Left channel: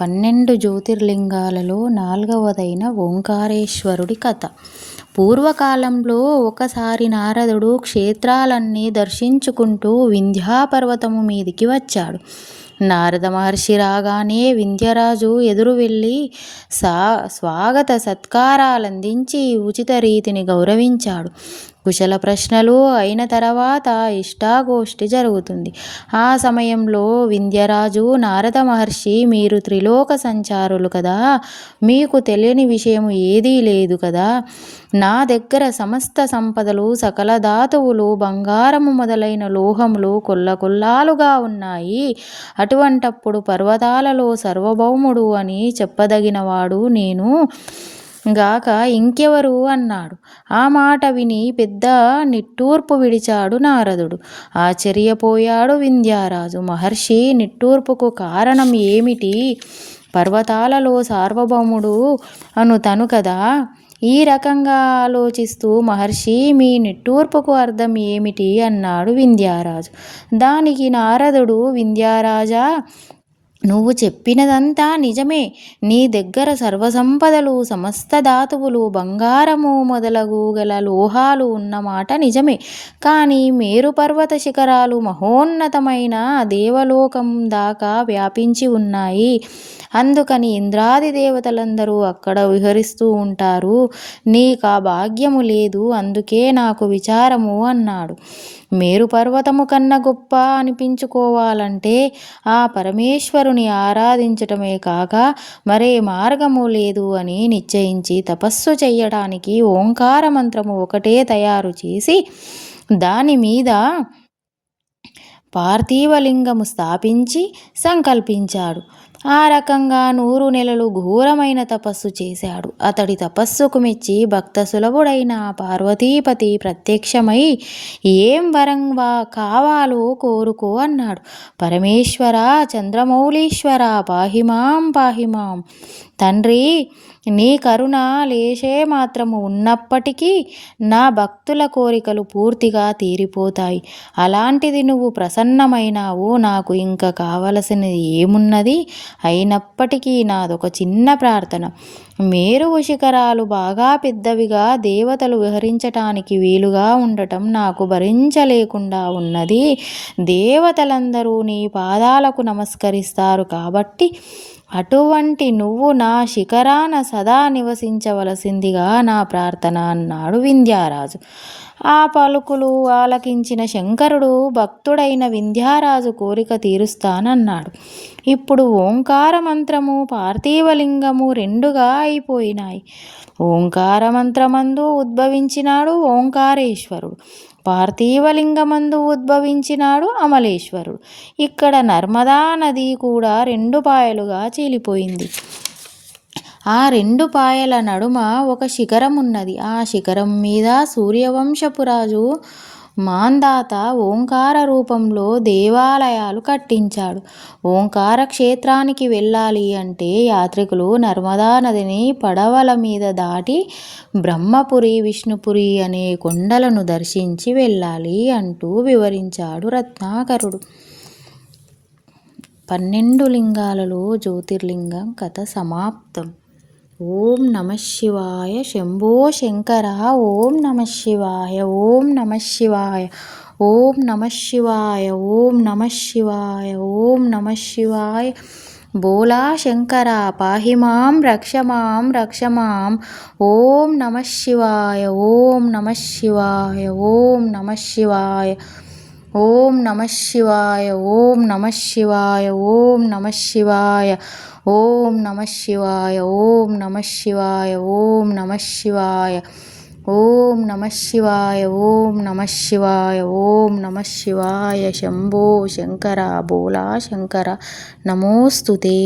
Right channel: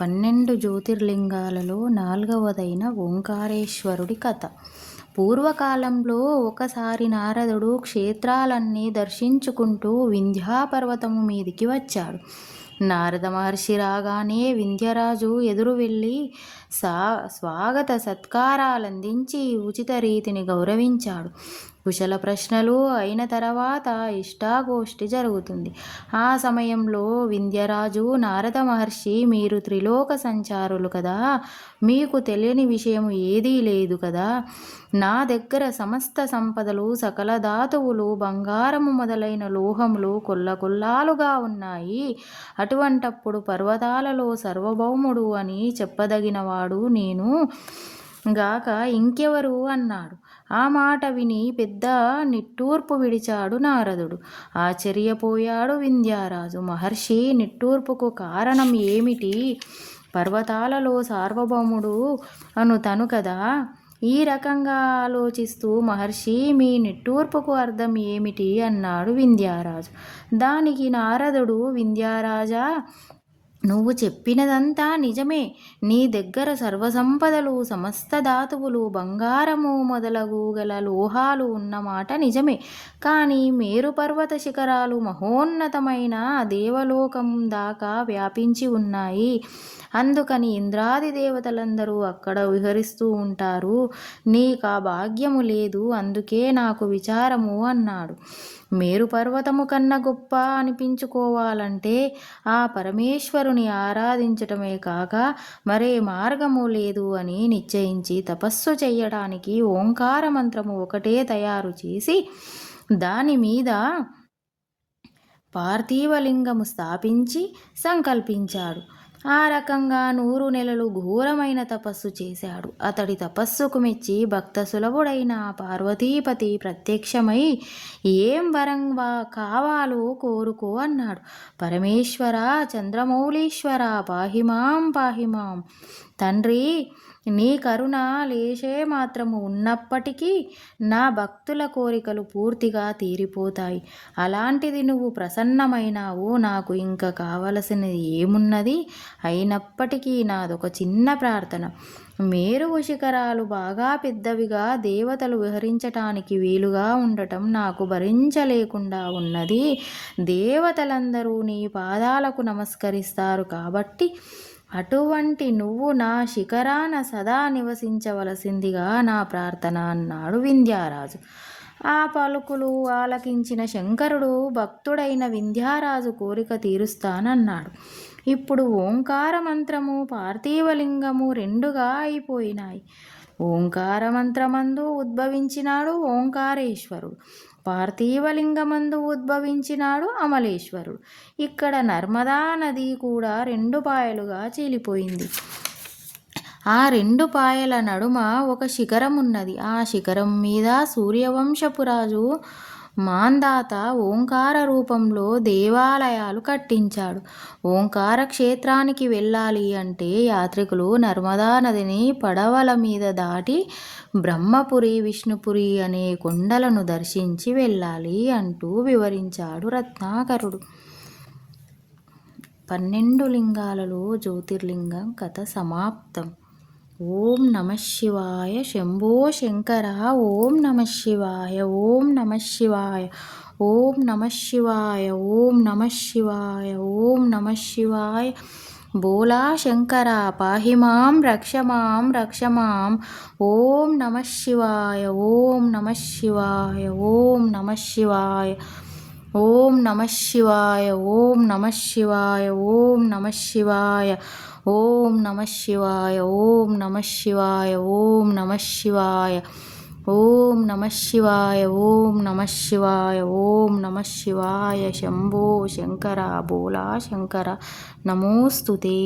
పన్నెండు జ్యోతిర్లింగాలలో నాల్గవదైన ఓంకారేశ్వరుడి కథ. పూర్వకాలంలో ఒకసారి నారదుడు క్షేత్రాలన్నీ దర్శించుకుంటూ వింధ్యాపర్వతము మీదికి వచ్చాడు. నారద మహర్షి రాగానే వింధ్యరాజు ఎదురు వెళ్ళి సా స్వాగత సత్కారాలందించి ఉచిత రీతిని గౌరవించాడు. కుశల ప్రశ్నలు అయిన తర్వాత ఇష్టాగోష్ఠి జరుగుతుంది. ఆ సమయంలో వింధ్యరాజు నారద మహర్షి మీరు త్రిలోక సంచారులు కదా? మీకు తెలియని విషయం ఏదీ లేదు కదా? నా దగ్గర సమస్త సంపదలు సకల ధాతువులు బంగారము మొదలైన లోహములు కొల్ల కొల్లాలుగా ఉన్నాయి. అటువంటప్పుడు పర్వతాలలో సర్వభౌముడు అని చెప్పదగినవాడు నేను. గాక ఇంకెవరు? అన్నాడు. ఆ మాట విని పెద్ద నిట్టూర్పు విడిచాడు నారదుడు. ఆశ్చర్యపోయాడు వింధ్యారాజు. మహర్షి నిట్టూర్పుకు కారణం ఏమిటి? పర్వతాలలో సార్వభౌముడు అను తను కదా. ఈ రకంగా ఆలోచిస్తూ మహర్షి మీ నిట్టూర్పుకు అర్థం ఏమిటి? అన్నాడు వింధ్యారాజు. దానికి నారదుడు వింధ్యారాజా నువ్వు చెప్పినదంతా నిజమే. నీ దగ్గర సర్వసంపదలు సమస్త ధాతువులు బంగారము మొదలగు గల లోహాలు ఉన్నమాట నిజమే. కానీ మేరు పర్వత శిఖరాలు మహోన్నతమైన దేవలోకం దాకా వ్యాపించి ఉన్నాయి. అందుకని ఇంద్రాది దేవతలందరూ అక్కడ విహరిస్తూ ఉంటారు. నీకు ఆ భాగ్యము లేదు అందుకే నాకు విచారము అన్నాడు. మేరు పర్వతము కన్నా గొప్ప అనిపించుకోవాలంటే ఆ పరమేశ్వరుని ఆరాధించటమే కాక మరే మార్గము లేదు అని నిశ్చయించి తపస్సు చేయడానికి ఓంకార మంత్రము ఒకటే తయారు చేసి దాని మీద పార్థివలింగము స్థాపించి సంకల్పించాడు. ఆ రకంగా నూరు నెలలు ఘోరమైన తపస్సు చేశాడు. అతడి తపస్సుకు మెచ్చి భక్త సులభుడైన పార్వతీపతి ప్రత్యక్షమై ఏం వరం వా కావాలో కోరుకో అన్నాడు. పరమేశ్వర చంద్రమౌళీశ్వర పాహిమాం పాహిమాం తండ్రి నీ కరుణ లేచే మాత్రము ఉన్నప్పటికీ నా భక్తుల కోరికలు పూర్తిగా తీరిపోతాయి. అలాంటిది నువ్వు ప్రసన్నమైనావు. నాకు ఇంకా కావలసినది ఏమున్నది? అయినప్పటికీ నాదొక చిన్న ప్రార్థన. మేరు శిఖరాలు బాగా పెద్దవిగా దేవతలు విహరించటానికి వీలుగా ఉండటం నాకు భరించలేకుండా ఉన్నది. దేవతలందరూ నీ పాదాలకు నమస్కరిస్తారు కాబట్టి అటువంటి నువ్వు నా శిఖరాన సదా నివసించవలసిందిగా నా ప్రార్థన అన్నాడు వింధ్యారాజు. ఆ పలుకులు ఆలకించిన శంకరుడు భక్తుడైన వింధ్యారాజు కోరిక తీరుస్తానన్నాడు. ఇప్పుడు ఓంకార మంత్రము పార్థివలింగము రెండుగా అయిపోయినాయి. ఓంకార మంత్రమందు ఉద్భవించినాడు ఓంకారేశ్వరుడు. పార్థివలింగమందు ఉద్భవించినాడు అమలేశ్వరుడు. ఇక్కడ నర్మదా నది కూడా రెండు పాయలుగా చీలిపోయింది. ఆ రెండు పాయల నడుమ ఒక శిఖరం ఉన్నది ఆ శిఖరం మీద సూర్యవంశపు రాజు మాందాత ఓంకార రూపంలో దేవాలయాలు కట్టించాడు. ఓంకార క్షేత్రానికి వెళ్ళాలి అంటే యాత్రికులు నర్మదా నదిని పడవల మీద దాటి బ్రహ్మపురి విష్ణుపురి అనే కొండలను దర్శించి వెళ్ళాలి అంటూ వివరించాడు రత్నాకరుడు. పన్నెండు లింగాలలో జ్యోతిర్లింగం కథ సమాప్తం. ఓం నమ శివాయ. శంభో శంకర. ఓం నమ శివాయ. ఓం నమ శివాయ. ఓం నమ శివాయ. ఓం నమ శివాయ. ఓం నమ శివాయ. బోలా శంకర. పాహి మాం రక్ష మాం రక్ష మాం. ఓం నమ శివాయ. ఓం నమ శివాయ. ఓం నమ శివాయ. ఓం నమ శివాయ ఓం నమ శివాయ ఓం నమ శివాయ ఓం నమ శివాయ ఓం నమ శివాయ ఓం నమ శివాయ ఓం నమ శివాయ ఓం నమ శివాయ ఓం నమ శివాయ శంభో శంకర బోలా శంకర నమోస్తుతే.